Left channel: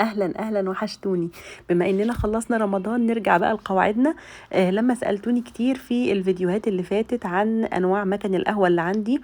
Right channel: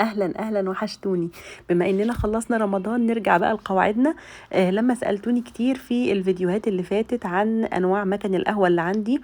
اهلا اهلا، وحشتوني. بما اننا خلصنا رمضان نرجع بقى لقواعدنا. لما سألتوني كتير في الفيديوهات اللي فاتت عن انواع مكن القهوة اللي عندي،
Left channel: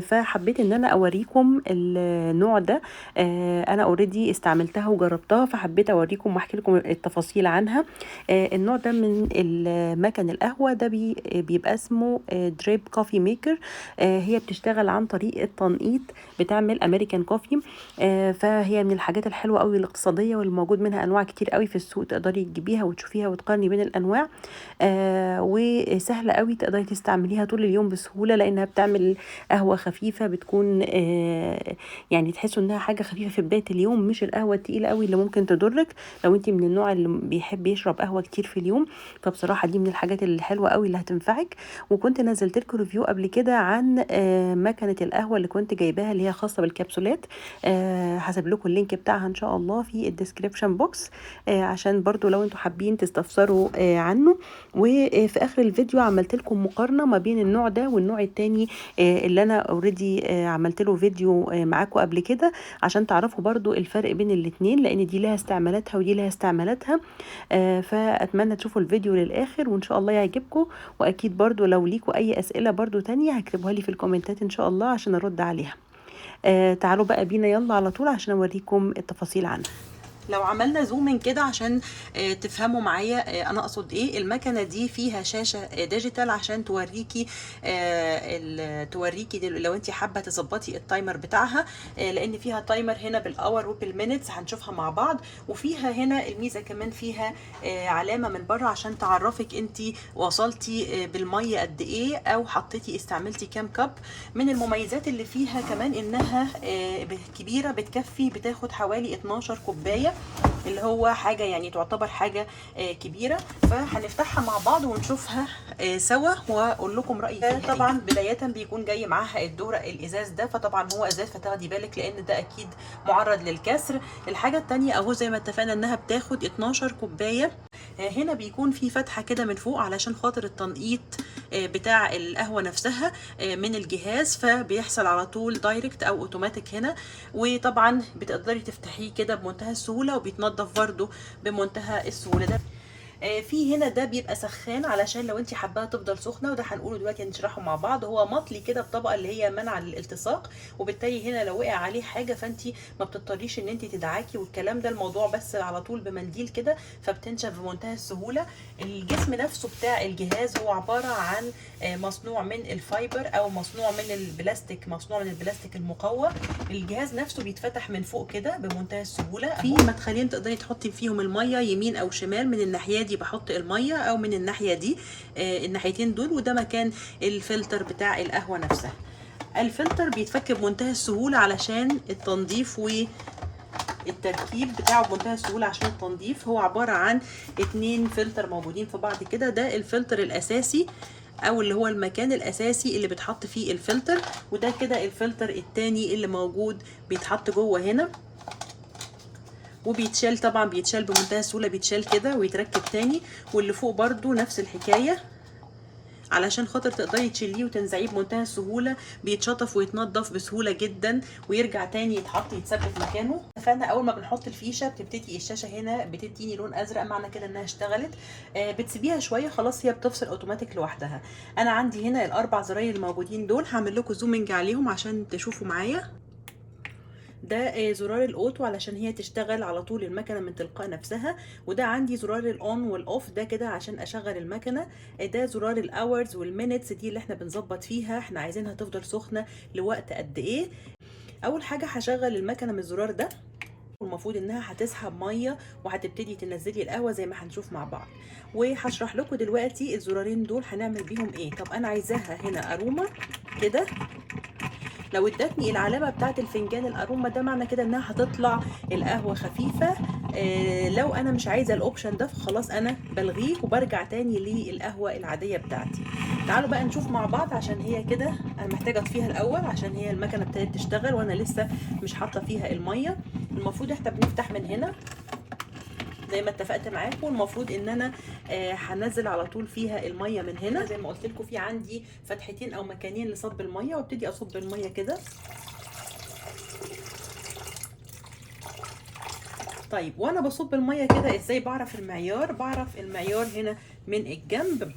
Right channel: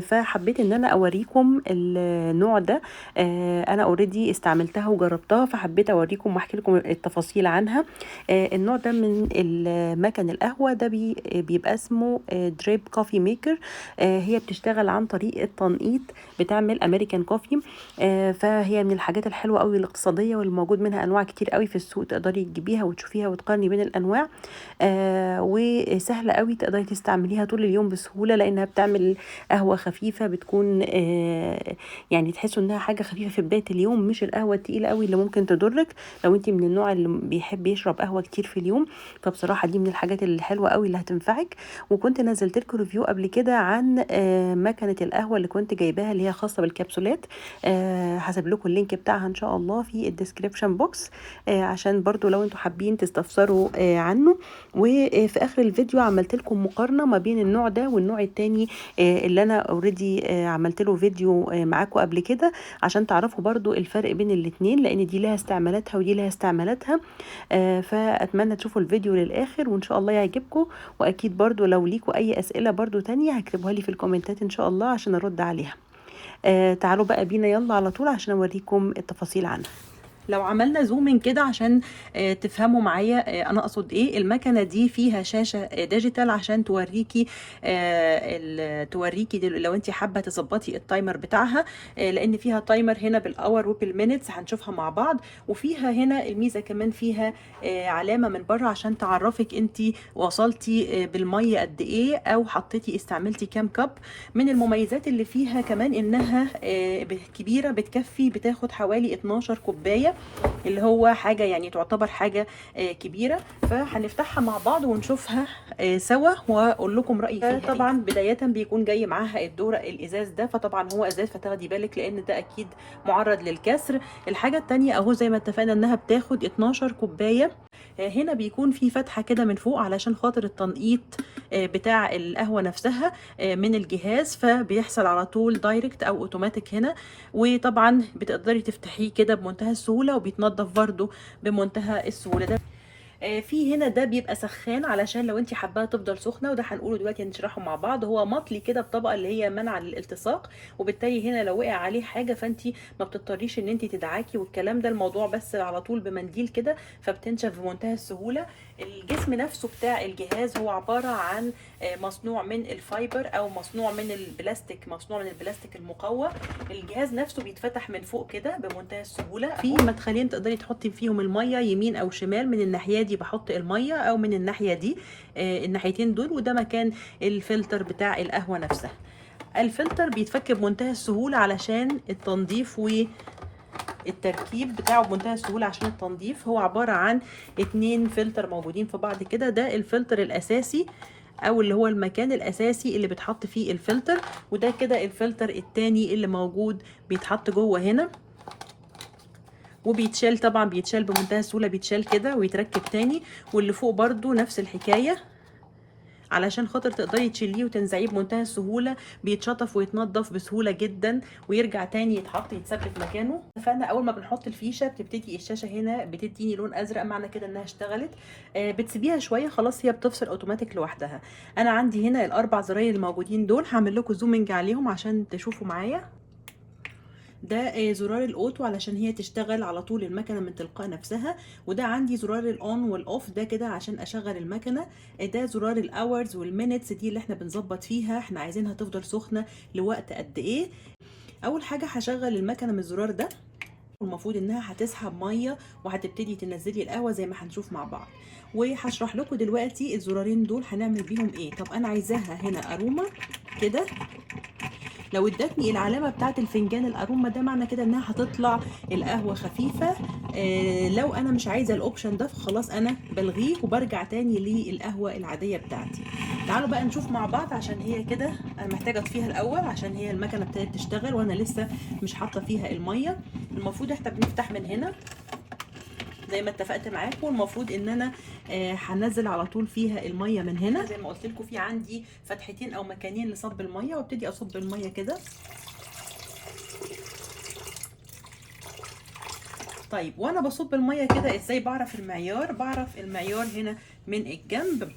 فحبيت ان انا اوريكم النوع ده. انا اوريدي استعملتها وجربتها، فحبيت اوريكم واحكي لكم التفاصيل عنها. النوع ده من المكن القهوة ده بيبقى اسمه دريب كوفي ميكر. هي بتشتغل عن طريق التنقيط، بتعمل امريكان كوفي. فهي من الحاجات الحلوه قوي الاقتصاديه، واللي موجود منها انواع كتير قوي في السوق، تقدري تجيبيها وتشوفيها وتقارني بين الانواع. وسهله قوي، تقدري تستعمليها طول اليوم بسهوله، لانها بتعمل قهوه خفيفه، بتكون يعني تحسوا انها حاجه خفيفه في بدايه اليوم، مش القهوه التقيله قوي اللي ممكن تضرك لو انت من النوع اللي بيحب يشرب قهوه كتير في اليوم. فبصراحه دي من الحاجات الحلوه قوي اللي هتنفعك. وكنت نزلت لكم ريفيو قبل كده عن مكنه القهوه اللي كنت جايباها، اللي هي خاصه بالكبسولات. هسيب لكم اللينك بتاعها ان شاء الله في الديسكريبشن بوكس، عشان برضو لو انتوا حابين تستفسروا عنه. وفي اخر الفيديو عملت لكم مقارنه ما بين النوع ده والنوع التاني، اللي انا اوريدي عملت له فيديو معاكم قبل كده، عشان تعرفوا برضو الفرق بين الاتنين، لان دي لها استعمالاتها ودي لها استعمالاتها. فاتمنى تشوفوا الفيديو للاخر وان شاء الله يعجبكم. واكيد برضو لو ليكوا اي اسئله برضو تانية هكتبوها لي في الكومنتات ان شاء الله عشان ارد عليها. تعالوا بقى بينا يلا على طول عشان اوريكم التفاصيل عنها. لو عملنا زومين كده عشان تفهموا معايا انا اقصد ايه. المكنه دي فيها شاشه ديجيتال عشان توريكي لو انت حابه تظبطي التايمر بتاعها، لان فيها تايمر هنا بالاور وبالمينتس هنشوفها مع بعض. وفيها هنا الميزه كمان فيها علامه من بره عشان تعرفك انت وصلتي بالميه قد ايه، او حطيتي استعملتي كام كب. من المميزات اللي فيها كمان انها كبيره، بتاخد حوالي 12 كوبايه، اللي هو حاجه يعني تعتبر حاجه كبيره. فهنفتحها مع بعض ونشوفها سوا واقول لكم رايي. طبعا بدايه بيكون جاي معاها الدوره الازاز ده، فطبعا هو ازاز فتاخدي بالك لان ده اكيد معرض للكسر. الحاجه الثانيه اهو زي ما اتفقنا انها بتاخد 12 كوبايه. هنا بيكون في فتحه كده من فوق علشان خاطر التنقيط بتاع القهوه نفسها من الجهاز، فبيحصل على طول دايركت او اوتوماتيك هنا. وطبعا بتقدري تفتحيه كده بمنتهى السهوله، وبيتنضف برده بمنتهى السهوله. ده في هنا ده بيبقى سخان علشان لو انت حباها تفضل سخنه، وده هنقوله دلوقتي نشرحه مع بعض. هو مطلي كده بطبقه اللي هي منع للالتصاق، وبالتالي هنا لو وقع عليه حاجه فانت ما بتضطريش ان انت تدعكي والكلام ده، الموضوع بس على طول بمنديل كده فبتنشف بمنتهى السهوله. الجسم نفسه بتاع الجهاز هو عباره عن مصنوع من الفايبر او مصنوع من البلاستيك، مصنوع من البلاستيك المقوى. الجهاز نفسه بيتفتح من فوق كده بمنتهى السهوله. في مدخلين تقدري تحطي فيهم الميه يمين او شمال، من الناحيه دي بحط الميه او من الناحيه دي، الناحيتين دول. وده مكان الفلتر بتاع القهوه نفسها. الفلتر بيتفك بمنتهى السهوله علشان التنظيف، والتركيب بتاعه بمنتهى السهوله عشان التنظيف. هو عباره عن 2 فلتر موجودين في بعض كده. ده الفلتر الاساسي او اللي هو المكان الاساسي اللي بيتحط فيه الفلتر، وده كده الفلتر التاني اللي موجود بيتحط جوه هنا وبيتشال. طبعا بيتشال بمنتهى السهوله، بيتشال كده ويتركب تاني. واللي فوق برضو نفس الحكايه علشان خاطر تقدري تشيليه وتنزعيه بمنتهى السهوله. بيتشطف ويتنضف بسهوله جدا ويرجع تاني يتحط يتثبت مكانه. فانا اول ما بنحط الفيشه بتبتدي الشاشه هنا بتديني لون ازرق، معنى كده انها اشتغلت. بتسيبيها شويه خلاص هي بتفصل اوتوماتيك لوحدها. انا عندي هنا الاربع زراير الموجودين دول، هعمل لكم زومنج عليهم عشان تشوفوا معايا. ده زرار الاوتو علشان هي تشتغل على طول المكنه من تلقاء نفسها. وده عندي زرار الاون والاوف، ده كده عشان اشغل المكنه. ده زرار الاورز والمينتس، دي اللي احنا بنظبط فيها احنا عايزينها تفضل سخنه لوقت قد ايه. اول حاجه هشغل المكنه من الزرار ده، والمفروض انها هتسحب ميه وهتبتدي تنزلي القهوه زي ما هنشوف مع بعض. وهشرح لكم دلوقتي الزرارين دول هنعمل بيهم ايه. طب انا عايزاها هنا اروما كده، لو ادتني العلامه بتاعت الفنجان الاروما ده معنى كده انها هتطلع القهوه خفيفه. لو انا مش عايزه الاوبشن ده فخلاص انا بلغيه وبرجع تاني للقهوه العاديه بتاعتي. تعالوا بقى نشوف مع بعض، عشان هي كده انا محتاجه اطفيها الاول عشان هي المكنه ابتدت تشتغل وانا لسه مش حاطه فيها الميه. المفروض احنا بنفتح من هنا زي ما اتفقت معاكم. المفروض ان انا هنزل على طول فيها الميه من هنا زي ما قلت لكم. في عندي فتحتين او مكانين لصب الميه، وابتدي اصب الميه كده. طيب وانا بصب الميه كده ازاي بعرف المعيار؟ بعرف المعيار هنا من الجنب،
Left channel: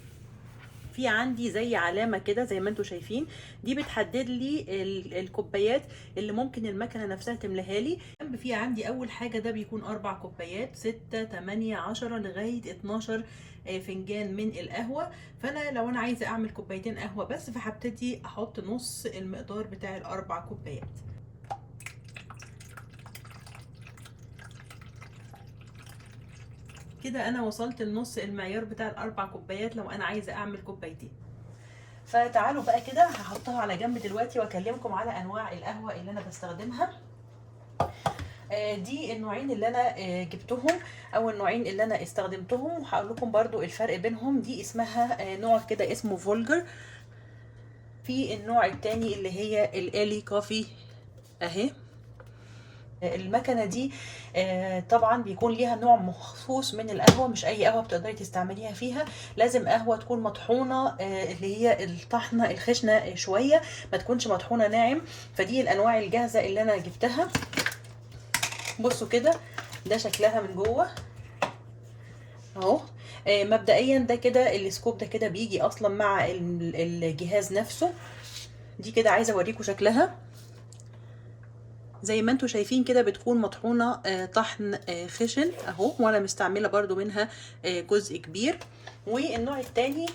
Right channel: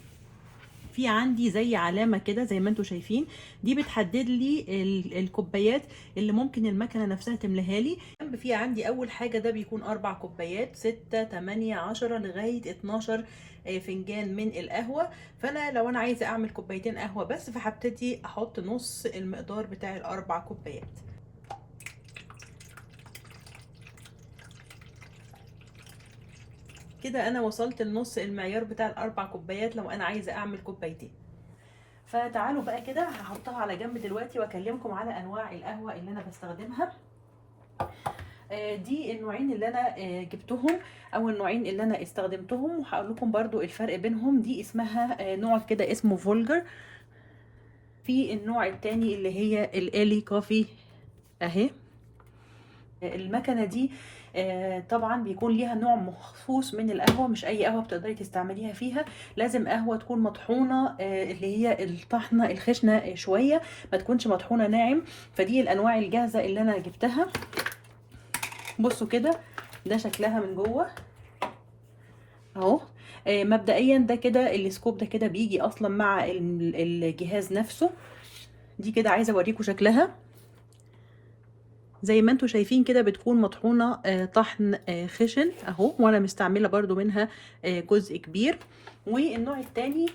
في عندي زي علامه كده زي ما انتم شايفين، دي بتحدد لي الكوبايات اللي ممكن المكنه نفسها تملاها لي. في عندي اول حاجه ده بيكون 4 كوبايات، 6 8 10 لغايه 12 فنجان من القهوه. فانا لو انا عايزه اعمل كوبايتين قهوه بس، فهبتدي احط نص المقدار بتاع الاربع كوبايات. كده انا وصلت لنص المعيار بتاع الاربع كوبايات لو انا عايزه اعمل كوبايتين. فتعالوا بقى كده هحطها على جنب دلوقتي واكلمكم على انواع القهوه اللي انا بستخدمها. دي النوعين اللي انا جبتهم، او النوعين اللي انا استخدمتهم، وهقول لكم برضو الفرق بينهم. دي اسمها نوع كده اسمه فولجر. في النوع التاني اللي هي الالي كوفي اهي. المكنه دي طبعا بيكون ليها نوع مخصوص من القهوه، مش اي قهوه بتقدري تستعمليها فيها، لازم قهوه تكون مطحونه اللي هي الطحنه الخشنه شويه، ما تكونش مطحونه ناعم. فدي الانواع الجاهزه اللي انا جبتها. بصوا كده ده شكلها من جوه اهو. مبدئيا ده كده السكوب ده كده بيجي اصلا مع الجهاز نفسه. دي كده عايزه اوريكم شكلها زي ما انتم شايفين كده، بتكون مطحونه طحن خشن اهو، وانا مستعمله برضو منها جزء كبير. والنوع التاني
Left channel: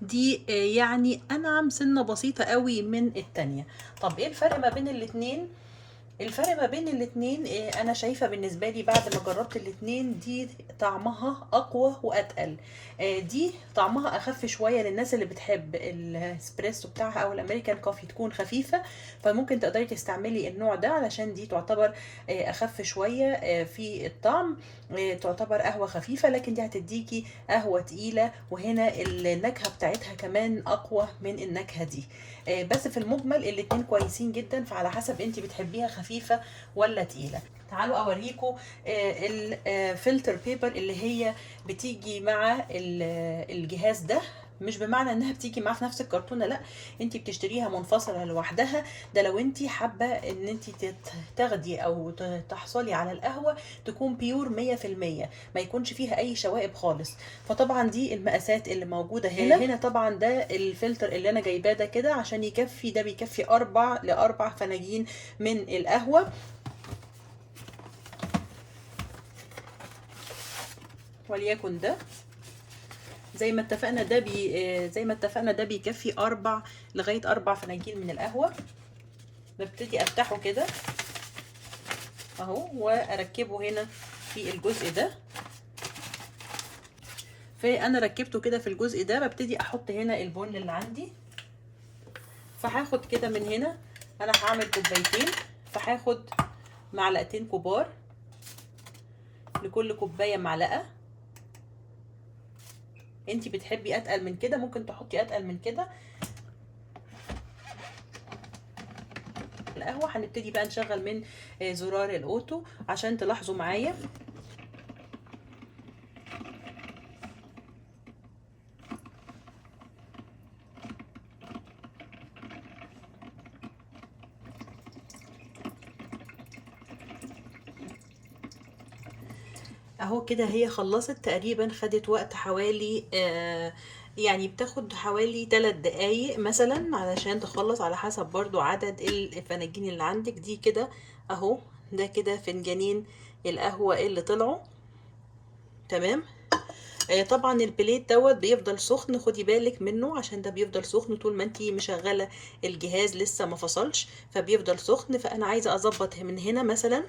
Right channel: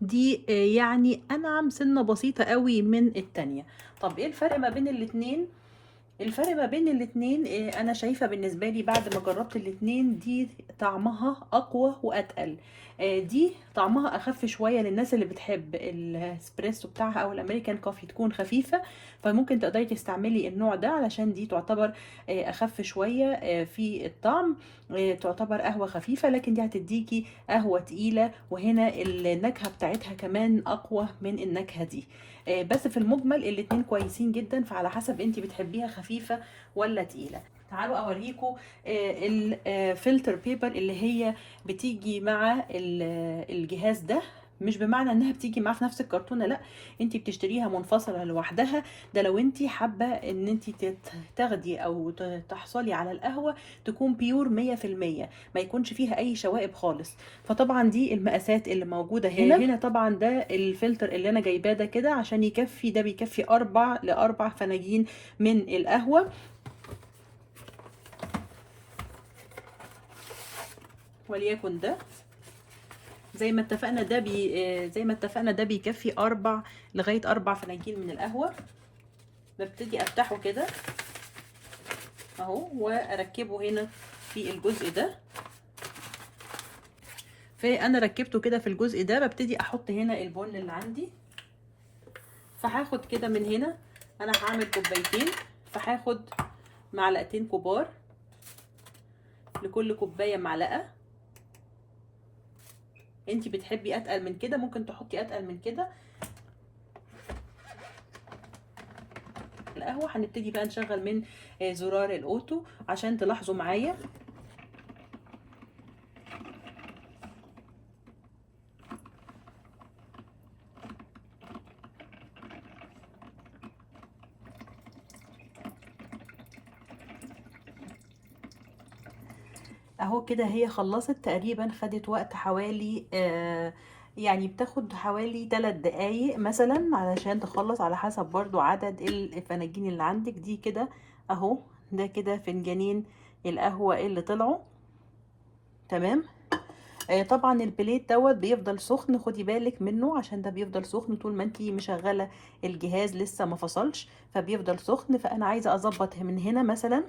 دي يعني انعم سنه بسيطه قوي من التانية. طب ايه الفرق ما بين الاتنين؟ الفرق ما بين الاتنين انا شايفه بالنسبه لي بعد ما جربت الاتنين، دي طعمها اقوى واتقل. دي طعمها اخف شويه للناس اللي بتحب الاسبريسو بتاعها او الامريكان كوفي تكون خفيفه، فممكن تقدري تستعملي النوع ده علشان دي تعتبر اخف شويه في الطعم. تعتبر قهوه خفيفه، لكن دي هتديكي قهوه تقيله، وهنا النكهه بتاعتها كمان اقوى من النكهه دي. بس في المجمل الاتنين كويسين جدا، فعلى حسب انت بتحبيها خفيفه ولا تقيله. تعالوا اوريكم الفلتر بيبر اللي هي بتيجي مع الجهاز ده. مش بمعنى انها بتيجي معاه في نفس الكرتونه، لا، انت بتشتريها منفصله لوحدها. ده لو انت حابه ان انت تاخدي او تحصلي على القهوه تكون بيور 100%، ما يكونش فيها اي شوائب خالص. فطبعا دي المقاسات اللي موجوده هنا طبعا ده الفلتر اللي انا جايباه ده كده عشان يكفي، ده بيكفي 4 فناجين من القهوه. وليكن ده زي ما اتفقنا ده بيكفي 4 فناجين من القهوة. ببتدي افتحه كده اهو واركبه هنا في الجزء ده. فانا ركبته كده في الجزء ده، ببتدي احط هنا البن اللي عندي. فهاخد كده من هنا، انا هعمل كوبايتين، فهاخد معلقتين كبار، لكل كوباية معلقة. انتي بتحبي اتقل من كده ممكن تحطي اتقل من كده. القهوه هنبتدي بقى نشغل من زرار الاوتو عشان تلاحظوا معايا. اهو كده هي خلصت تقريبا، خدت وقت حوالي يعني بتاخد حوالي 3 دقايق مثلا علشان تخلص، على حسب برضو عدد الفناجين اللي عندك. دي كده اهو، ده كده فنجانين القهوة اللي طلعوا تمام. طبعا البليت دوت بيفضل سخن، خدي بالك منه عشان ده بيفضل سخن طول ما انتي مشغله الجهاز لسه ما فصلش، فبيفضل سخن. فانا عايزه اظبط من هنا مثلا،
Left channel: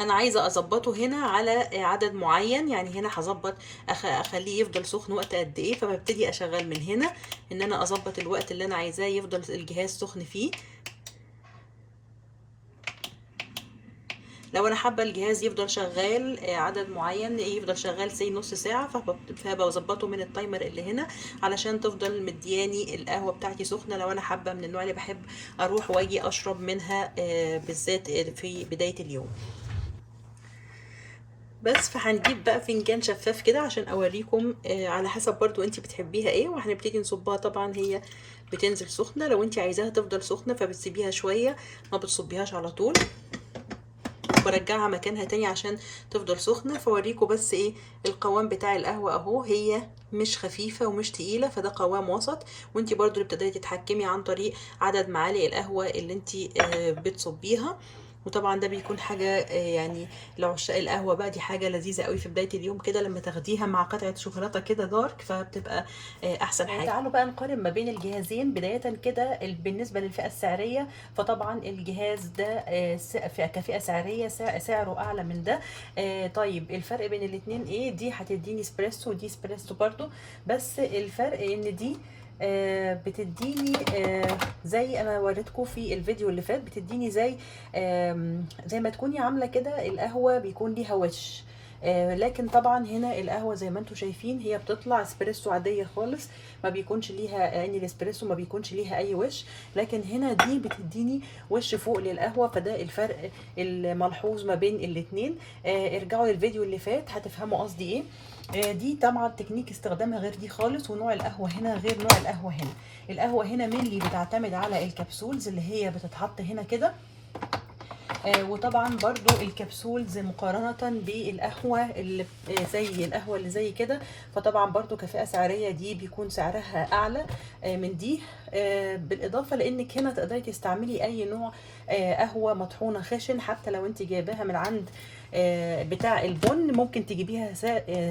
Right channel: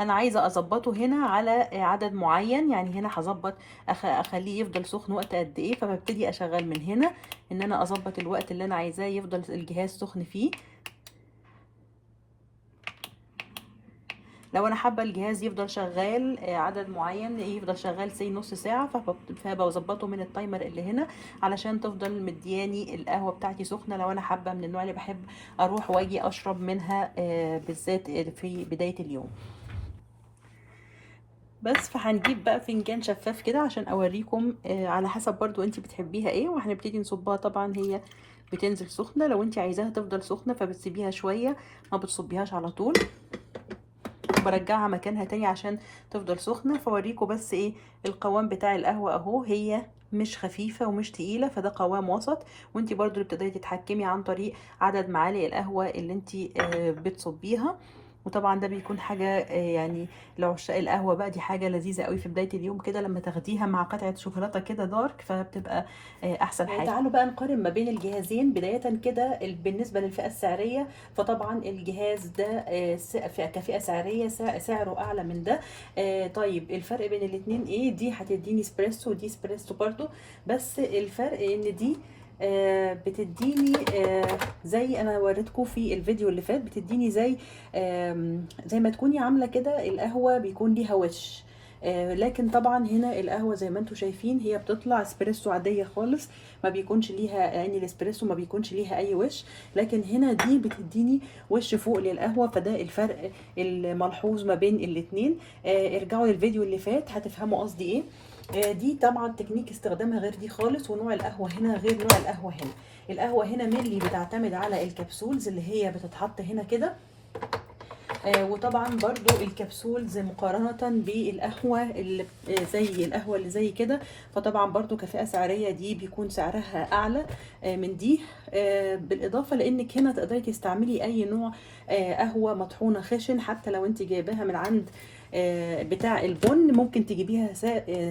انا عايزه اظبطه هنا على عدد معين، يعني هنا هظبط اخليه يفضل سخن وقت قد ايه. فببتدي اشغل من هنا ان انا اظبط الوقت اللي انا عايزاه يفضل الجهاز سخن فيه. لو انا حابه الجهاز يفضل شغال عدد معين، يفضل شغال سي نص ساعه، فبظبطه من التايمر اللي هنا علشان تفضل مدياني القهوه بتاعتي سخنه. لو انا حابه من النوع اللي بحب اروح واجي اشرب منها بالذات في بدايه اليوم. بس فهنجيب بقى فنجان شفاف كده عشان اوريكم على حسب برضو انتي بتحبيها ايه، وهنبتدي نصبها. طبعا هي بتنزل سخنه. لو انت عايزاها تفضل سخنه فبتسيبيها شويه، ما بتصبيهاش على طول، برجعها مكانها تاني عشان تفضل سخنه. فوريكم بس ايه القوام بتاع القهوه اهو، هي مش خفيفه ومش تقيله، فده قوام وسط. وانتي برضو اللي بتقدري تتحكمي عن طريق عدد معالق القهوه اللي انتي بتصبيها. وطبعا ده بيكون حاجه يعني لعشاق القهوه بقى، دي حاجه لذيذه قوي في بدايه اليوم كده لما تاخديها مع قطعه شوكولاته كده دارك، فبتبقى احسن حاجه. تعالوا بقى نقارن ما بين الجهازين. بدايه كده بالنسبه للفئه السعريه، فطبعا الجهاز ده كفئه سعريه سعره اعلى من ده. طيب الفرق بين الاتنين ايه؟ دي هتديني اسبريسو ودي اسبريسو برضو، بس الفرق ان دي بتديني زي انا وريتكم في الفيديو اللي فات، بتديني زي ما تكوني عامله كده القهوه بيكون ليها وش. لكن طبعا هنا القهوه زي ما انتم شايفين هي بتطلع اسبريسو عاديه خالص، ما بيكونش ليها يعني الاسبريسو ما بيكونش ليها اي وش. لكن هنا دي بتديني وش فوق للقهوه، فده الفرق الملحوظ ما بين الاتنين. ارجعوا للفيديو اللي فات هتفهموا قصدي ايه. دي طبعا تكنيك استخدامها غير دي خالص، ونوع القهوه هنا غير نوع القهوه هنا. القهوه هنا ملي بتعتمد على الكبسولز اللي هي بتتحط هنا كده. وطبعا برضو الكبسولز مقارنة بالقهوة اللي زي القهوة اللي زي كده، فطبعا برضو كفئة سعرية دي بيكون سعرها اعلى من دي. بالاضافة لانك هنا تقدري تستعملي اي نوع قهوة مطحونة خشن، حتى لو انت جايباها من عند بتاع البن ممكن تجيبيها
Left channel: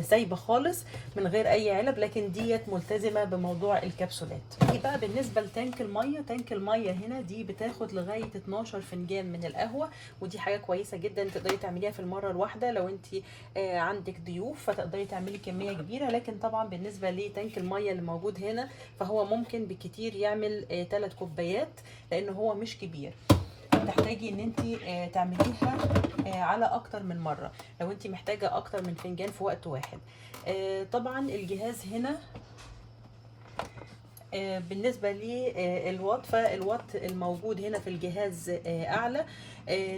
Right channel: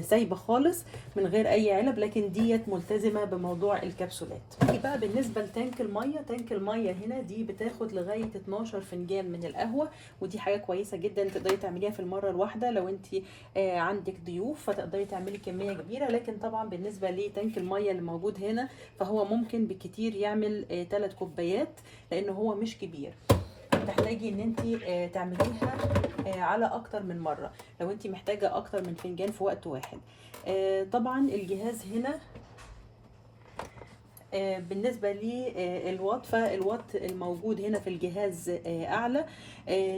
سايبه خالص من غير اي علب، لكن ديت ملتزمه بموضوع الكبسولات. دي بقى بالنسبه لتانك الميه. تانك الميه هنا دي بتاخد لغايه 12 فنجان من القهوه، ودي حاجه كويسه جدا تقدري تعمليها في المره الواحده. لو انت عندك ضيوف فتقدري تعملي كميه كبيره، لكن طبعا بالنسبه لتانك الميه اللي موجود هنا فهو ممكن بالكتير يعمل 3 كوبايات لان هو مش كبير. تحتاجي ان انت تعمليها على اكتر من مره لو انت محتاجه اكتر من فنجان في وقت واحد. طبعا الجهاز هنا بالنسبة للوات، فالوات الموجود هنا في الجهاز أعلى،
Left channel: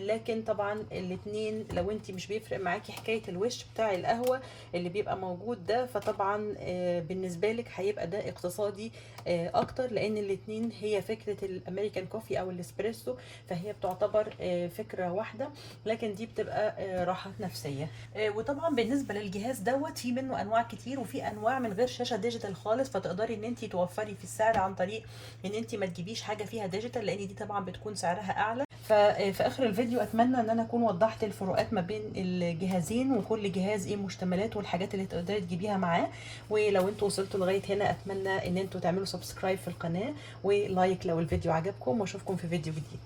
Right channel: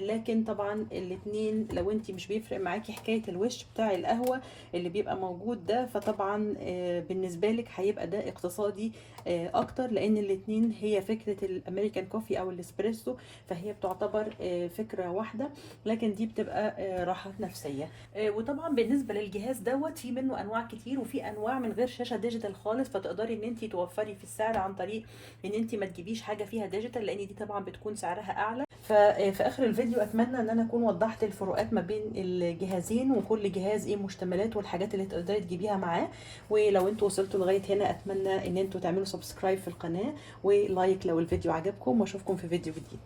لكن طبعا الاتنين لو انت مش بيفرق معاكي حكاية الوش بتاع القهوة اللي بيبقى موجود ده، فطبعا بالنسبة لك هيبقى ده اقتصادي أكتر، لأن الاتنين هي فكرة الأمريكان كوفي أو الإسبريسو، فهي بتعتبر فكرة واحدة، لكن دي بتبقى راحات نفسية. وطبعا بالنسبة للجهاز دوت في منه أنواع كتير، وفي أنواع من غير شاشة ديجيتال خالص، فتقدري ان انت توفري في السعر عن طريق ان انت ما تجيبيش حاجه فيها ديجيتال، لان دي طبعا بتكون سعرها اعلى. ففي اخر الفيديو اتمنى ان انا اكون وضحت الفروقات ما بين الجهازين، وكل جهاز ايه مشتملاته والحاجات اللي تقدري تجيبيها معاه. ولو انتوا وصلتوا لغايه هنا اتمنى ان انتوا تعملوا سبسكرايب في القناه ولايك لو الفيديو عجبكم، واشوفكم في فيديو جديد.